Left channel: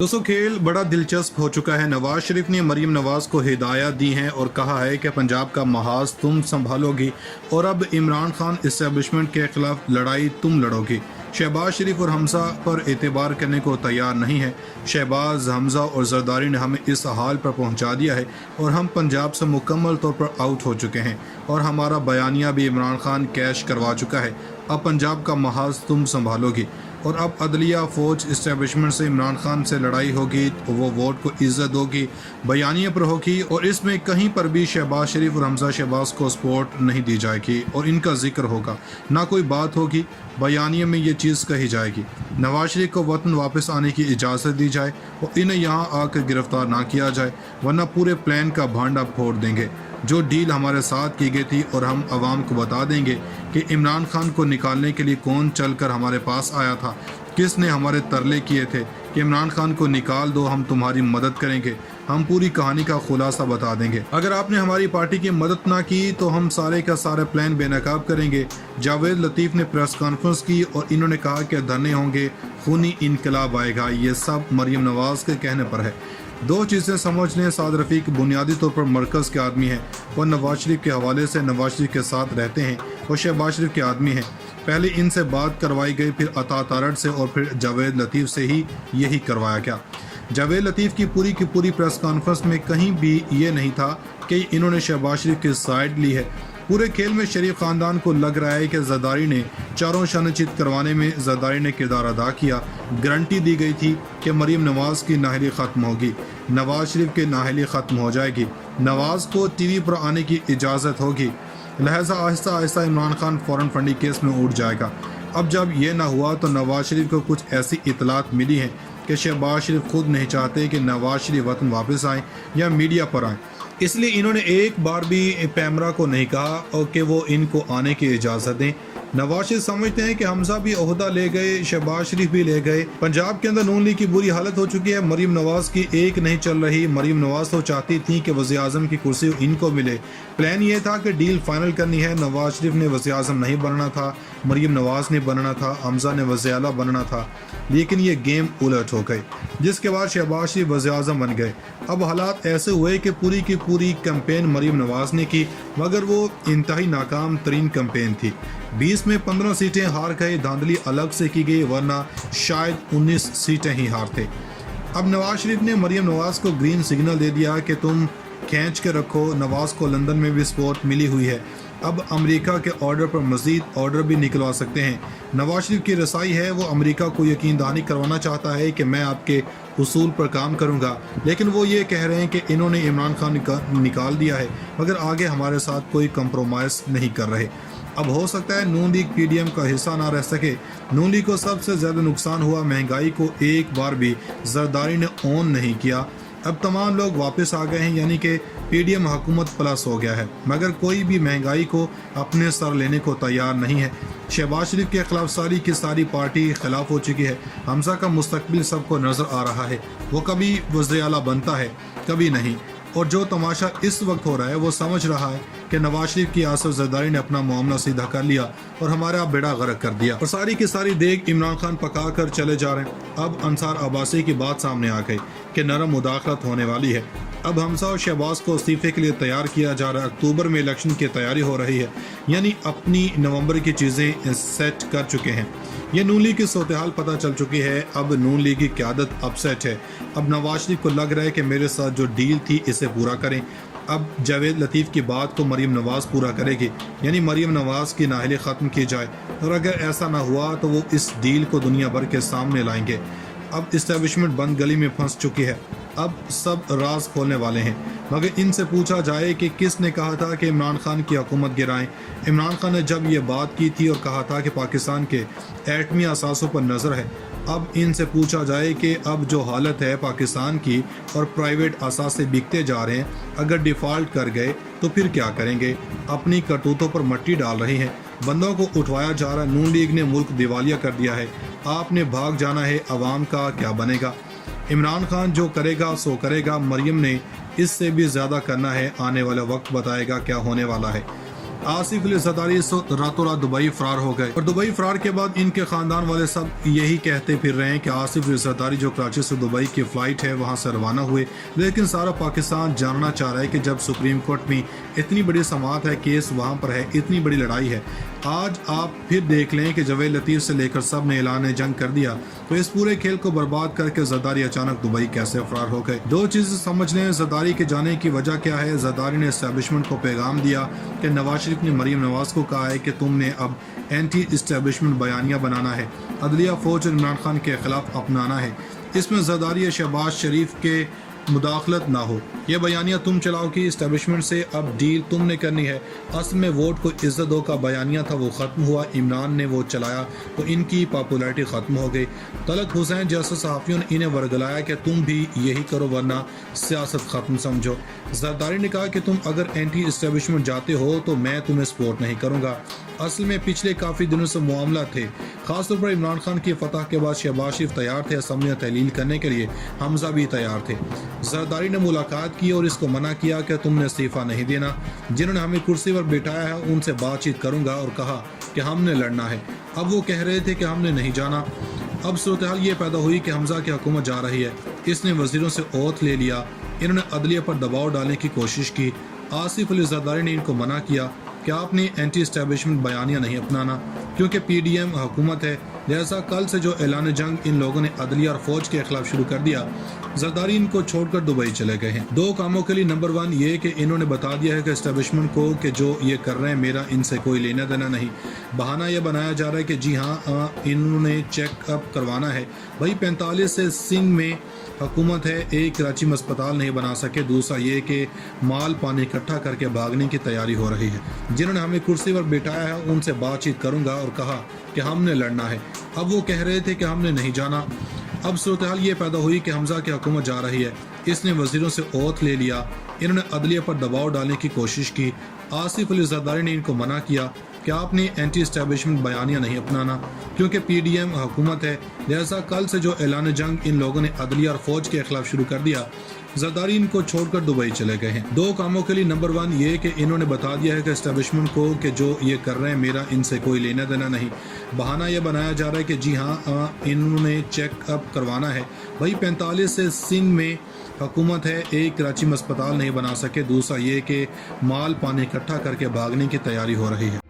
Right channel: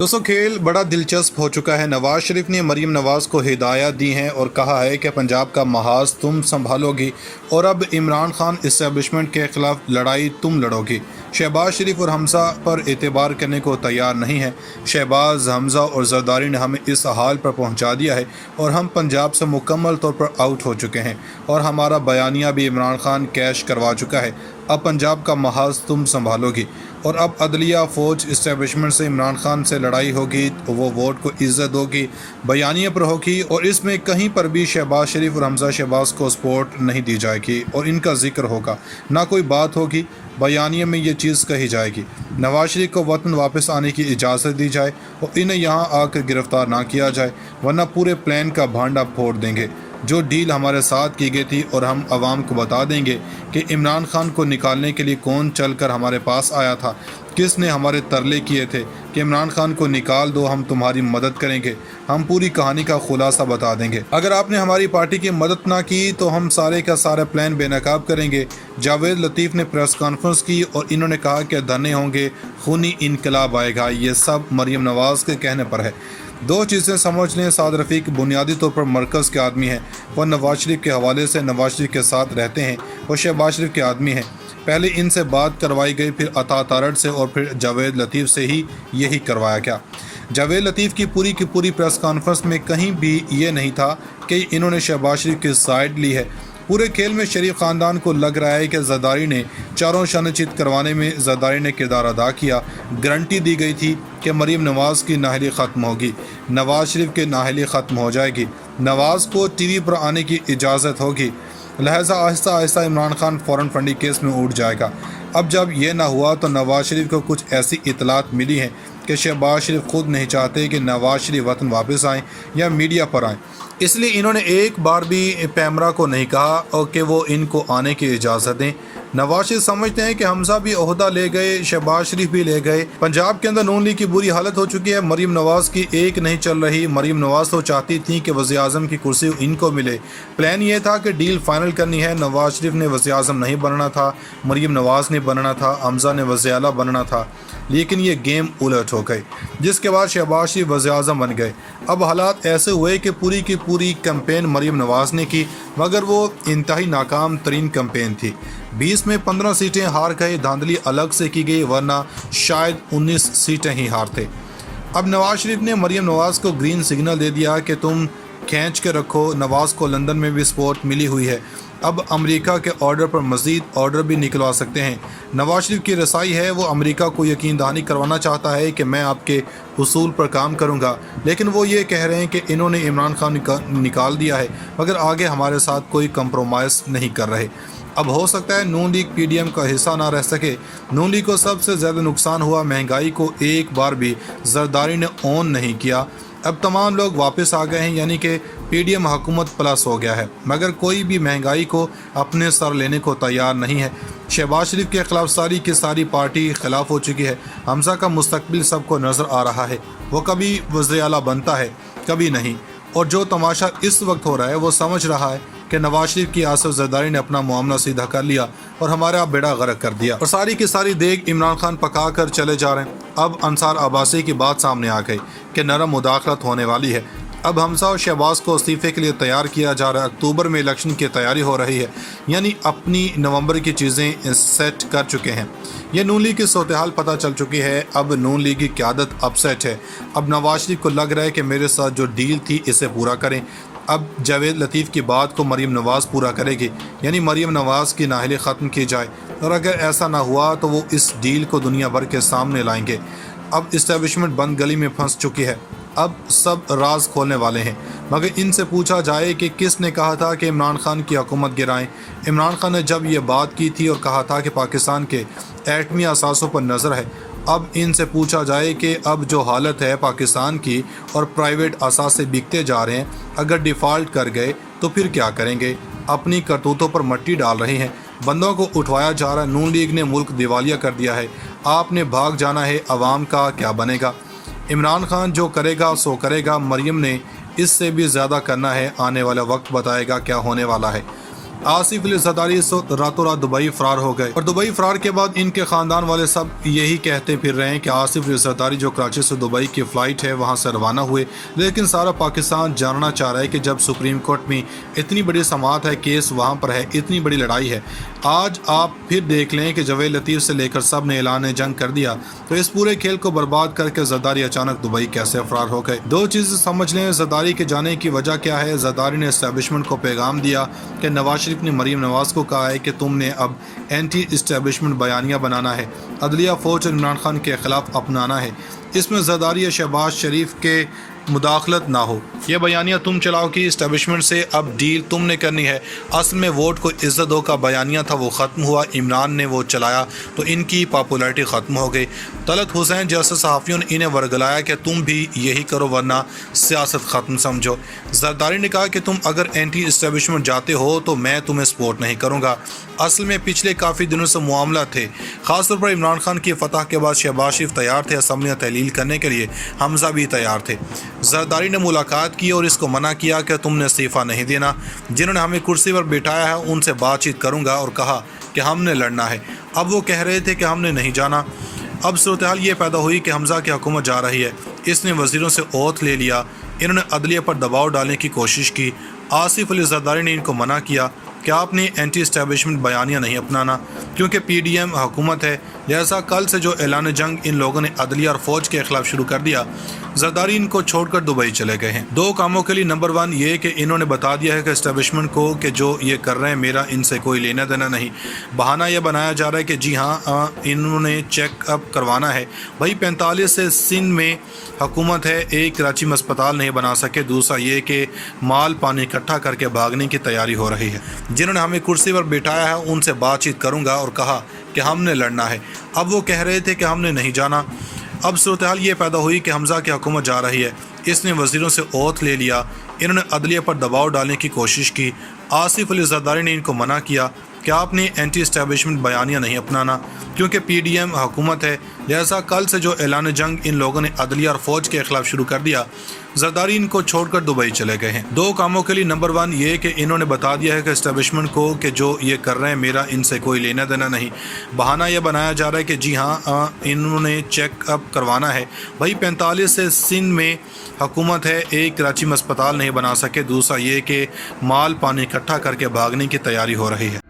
दोस्तों, खेल बड़ा दिलचस्प हो चुका है। नवाज शरीफ ने मरीम नवाज को हिदायत दी हैं और कहा है कि पंजाब का महाज तुम संभालोगी और अब इमरान खान इस्टेब्लिशमेंट के खिलाफ लड़ाई तुम लड़ोगी। शहबाज शरीफ और हमजा पर एतबार करने को तैयार नहीं है। शहबाज, हमजा और जरदारी ने हमें इस हाल पर पहुंचा दिया है और हम पंजाब से मुकम्मल तौर पर आउट हो चुके हैं और हमारा बयानिया भी इमरान खान कैश करवा चुका है। अब पंजाब का महाज तुम संभालोगी और अब अदलिया फ़ौज इस्टेब्लिशमेंट से इमरान खान से लड़ाई होगी, वो वोट को इज्जत होगी, बयानिए पर होगी और इसमें कहीं पर भी शहबाज शरीफ और हमजा शहबाज को सपोर्ट नहीं दी जाएगी और इनका जिक्र होगा, ना कोई बात होगी। बयानिए में ये चीज़ कही जाएगी नवाज शरीफ को वतन वापस आने की इजाज़त दी जाए और इन्हें यहाँ आकर गिरफ्तार ना किया जाए, वरना पूरे प्लान का भांडा फोड़ देंगे। जो डील हमारे साथ की गई थी और हम आवाम को बता देंगे कि इमरान खान को निकालने के लिए कौन चलकर हमारे पास आया था, किसने हमारे तरले किए थे कि इमरान खान को निकाल दो, हम तुम्हारी मदद करेंगे। हम पूरी कहानी का खुलासा बता देंगे। अगर आपने हमारी पार्टी की मदद ना की तो हम सारे का सारा प्लान बेनकाब करेंगे। जावेद लतीफ़ ने प्रेस कॉन्फ्रेंस की और इन्होंने कहा कि धरने होंगे, खूनी इनकलाब आएगा। ये सब मरीम नवाज के कहने पर है। दो चीज़ें समझ लें, साद रफ़ीक बुनियादी तौर पर मरकज़ के आदमी हैं। वह नवाज शरीफ के हवाले से नवाज शरीफ के साथ रहते हैं। वो शहबाज शरीफ के आदमी हैं। पहले इनसे बात करवाई गई, फिर अता तारड़ से और फिर जावेद लतीफ़ से ही यही करवाया गया। जावेद लतीफ़ की पूरी प्रेस कॉन्फ्रेंस में कहीं भी ये नहीं था कि इन्होंने शहबाज शरीफ की साइड ली है। पूरे खेल में शरीफ ख़ानदान को लग रहा है कि जरदारी ने चारों शनचित करवाने में जरदारी ने किरदार अदा किया। गारंटी दी गई थी कि मरीम नवाज़ की नाहली ख़त्म होगी, नवाज शरीफ की नाहली ख़त्म हो जाएगी, नवाज़ को टीवी पर आने की इजाज़त होगी, लिहाजा आहिस्ता आहिस्ता इमरान खान फ़ौरन फंडी केस में उठ जाएगा। अब जब ये ना हुआ तो नवाज शरीफ को कुछ ऐसी इतलात मिली हैं कि शहबाज शरीफ खुद नहीं चाहते कि नवाज शरीफ वतन वापस आएँ या मीडिया पर आएँ, इसलिए इन्होंने एक बार भी पैमरा को नहीं कहा और कि वो इनको आने की इजाज़त दें। नवाज शरीफ समझते हैं कि हमजा भी ओहदा ले गए, शहबाज शरीफ भी ले गए। पंजाब के अंदर नून लीग की बुरी हालत हो चुकी है। मरीम नवाज की एक नहीं चल रही। मरीम नवाज तो चाहती थी कि वज़ीर आज़म की कुर्सी इनको मिले। प्लान ये था कि डील फाइनल करनी है। नवाज शरीफ ने वज़ीर आज़म नहीं बनना था, मरीम नवाज ने बनना था, हमजा ने वज़ीर आला बनना था, लेकिन ये गेम उलट हो गई, जिसके बाद शहबाज शरीफ वज़ीर आज़म बन गए। अब हालात ऐसे हुए कि पूरी की पूरी कैंपेन मरीम नवाज ने की, मगर वो इंतहाई नाकाम तरीन कैंपेन थी। 20 में 15 सीटें हार गए। धांधली अलग से की गई, वरना शायद 19 सीटें ही हारते। अब नवाज शरीफ ने मरीम नवाज को ग्रीन सिग्नल दे दिया कि तुम खींच के रखो। नवाज को लंदन में भी सपोर्ट मिली हुई है। अब अमेरिका के ऑर्डर पर मज़ीद ऑर्डर भी निकलवा सकते हैं। नवाज शरीफ की रसाई है, वो अमेरिका को यकीन दहानी करवाना चाहता है कि मैं आपके उसूल पर काम करूंगा, लेकिन वो ये कह रहे हैं कि इन्होंने इमरान खान निकाल दिया है मगर आगे हमारे साथ कोई कंप्रोमाइज़ नहीं कर रहे। अब हो सकता है नून लीग पीडीएम का हिस्सा ना रह सके। नून लीग को सबसे ज़्यादा नुकसान हुआ, महंगाई को एक बार भी जरदारी ने ऑन नहीं किया। अब तमाम लोग वापस आ गए हैं, यानी कि पीडीएम हुकूमत प्लस हो गया है, मगर कोई भी महंगाई को अपने सर लेने को तैयार नहीं है। शहबाज शरीफ के खिलाफ सारी की सारी पार्टी खिलाफ हो चुकी है। हमजा का मुस्तकबिल सबको नज़र आ रहा है, वो कभी वज़ीर आला बनता है कभी नहीं। और जो तमाशा इस वक्त हो रहा है वो समझ रहा है कि नवाज शरीफ की आसिफ जरदारी ने अपना मामला सीधा कर लिया और हमारा बेड़ा गर्क कर दिया और सारी की सारी देख इमरान खान पका कर चले जा रहे हैं। अब अंसार अब्बासी की बात सामने आ गई कि नरम मुदाखलत होने वाली है। अब हमजा और शहबाज को इस्तीफे के लिए तैयार किया जा रहा है। अक्टूबर में इलेक्शन की तैयारी हो रही है, यानी अपनी नवंबर की चीज़ें सेट कर चुके हैं। ये नून लीग की सूरत-ए-हाल पता चल चुकी है। अब नून लीग की क़यादत अपसेट है। अब नवाज शरीफ को लग रहा है कि मेरे साथ जो डील थी इसे पूरा करें। अब जावेद लतीफ़ की बात को मरीम नवाज़ पूरा करेगी, यानी मरीम नवाज़ की नाहली ख़त्म की जाए, और अगर ऐसा ना हुआ तो वो इस डील को दुनिया भर के सामने लाएंगे। अब इस्टेब्लिशमेंट बंद गली में फंस चुकी है। अब सब राज खोलने वाले हैं, मगर इनसे पूछा जाए कि किसने कहा था कि इमरान खान की हुकूमत गिराएं। इमरान खान ने जब ये बात की थी और कहा था कि पाकिस्तान के एटमी असासों पर नज़र है। अब इनसे पूछा जाए कि अब जो हालत है पाकिस्तान की और प्राइवेट असासे बिकते जा रहे हैं, अगर डिफ़ॉल्ट कर गए तो फिर क्या करेंगे। अपनी करतूतों पर मट्टी डाल रहे हैं, बंदों को उठवाया जा रहा है। नून लीग ने मुल्क दिवालिया कर दिया है। आपने भाग जाना है, अवाम का क्या बनेगा। इमरान खान जो करेगा सो करेगा, मरीम ने इससे भी ज़्यादा करना है। आने वाला वक्त बताएगा क्या होने वाला है। आसिफ अली जरदारी रातों रात दुबई फरार हो गए और दुबई फरार के बाद इनके खानदान वाले सब यही कहते फिर रहे हैं कि आसिफ अली जरदारी जो कराची से दुबई की फ़्लाइट है वहाँ से रवाना हुए। लेकिन सारा पाकिस्तान जानना चाह रहा है कि जब सुप्रीम कोर्ट में इतनी बड़ी समाअत है, केस वहाँ पर है, इतनी बड़ी लड़ाई है, आज आप फिर देख लें कि जवेद लतीफ़ से लेकर सब ने ऐलान जंग कर दिया, तो इस पूरे खेल को बर्बाद करके जरदारी अचानक दुबई कैसे फरार हो गए। दो चीज़ें समझ लें जरदारी के जाने की वजह क्या है। जरदारी ने एस्टेब्लिशमेंट को पैगाम दिया कि नवाज शरीफ ने मरीम नवाज़ को कहा है कि तुमने अब एंटी इस्टेब्लिशमेंट बयानिया बनाना है, अदलिया फ़ौज और इमरान खान के ख़िलाफ़ अपनाना है, इसमें जरदारी या शहबाज शरीफ के मुदाखलत ना हो। यह बयानिया तुम चलाओ कि इस्टेब्लिशमेंट से अब डील तुमने करनी है। असल में वोट को इज्जत दो का बयानिया था, वो ख़त्म हुआ, इमरान ने वो चलाया तो इनकी पॉपुलैरिटी ख़त्म हो गई। तलत हुसैन जैसे सहाफ़ियों ने इन्हें वर्गलाया कि तुम भी यही करो वरना सियासत ख़त्म समझो। जरदारी ने कहा कि तुम अगर एंटी इस्टेब्लिशमेंट जाते हो तो मैं तुम्हें सपोर्ट नहीं करूँगा। असल में पिछले काफ़ी दिनों से मामला थे, ख़ासतौर पर इमरान खान की फतह के बाद शहबाज शरीफ तैयार थे असम्बलियाँ तहलील करने के लिए, हमजा भी तैयार थे। जरदारी ने मुलाकात की और इसको मना किया कि तुमने इस्तीफ़ा नहीं देना, जिन्होंने हमें कुर्सी पर बिठाया है उनसे बातचीत करूंगा और कहा कि हमने लड़ना है। अब वो कह रहे थे कि हमने नहीं जाना। अब सूरत हाल ये पैदा हुई कि हमजा की हुकूमत जा रही है, इसने वज़ीरों से ओथ ले लिया, इन्होंने अदलिया पर दबाव डालने की कोशिश की। आसिफ अली जरदारी ने इनको मना किया कि आपने एंटी इस्टेब्लिशमेंट बयानिया नहीं अपनाना, क्योंकि PDM हुकूमत है, लिहाजा कल से जो ऐलान जंग इन लोगों ने अदलिया और फौज के खिलाफ शुरू कर दिया। जरदारी इनको छोड़कर दुबई चले गए हैं दो कामों के लिए। नंबर 1 ये कि इन्होंने बता दिया है कि इस्टेब्लिशमेंट को कि जो ये कर रहे हैं मेरा इनसे कोई लेना देना नहीं। बहाना यह बनाया जा रहा है कि जी हाँ इन्होंने चेकअप करवाना है। भाई 45 से सिंध में हुकूमत है, एक कराची में अस्पताल नहीं बना सके, दूसरा ये कि माल पानी इकट्ठा करके भागने की तैयारी हो रही है। जिन्होंने हमें कुर्सी पर बिठाया है उनसे बातचीत करूंगा और कहा कि हमने लड़ना है। अब वो कह रहे थे कि हमने नहीं जाना। अब सूरत हाल ये पैदा हुई कि हमजा की हुकूमत जा रही है, इसने वज़ीरों से ओथ ले लिया, इन्होंने अदलिया पर दबाव डालने की कोशिश की। आसिफ अली जरदारी ने इनको मना किया कि आपने एंटी इस्टेब्लिशमेंट बयानिया नहीं अपनाना, क्योंकि PDM हुकूमत है, लिहाजा कल से जो ऐलान जंग इन लोगों ने अदलिया और फौज के खिलाफ शुरू कर दिया। जरदारी इनको छोड़कर दुबई चले गए हैं दो कामों के लिए। नंबर 1 ये कि इन्होंने बता दिया है कि इस्टेब्लिशमेंट को कि जो ये कर रहे हैं मेरा इनसे कोई लेना देना नहीं। बहाना यह बनाया जा रहा है कि जी हाँ इन्होंने चेकअप करवाना है। भाई 45 से सिंध में हुकूमत है, एक कराची में अस्पताल नहीं बना सके, दूसरा ये कि माल पानी इकट्ठा करके भागने की तैयारी हो रही है।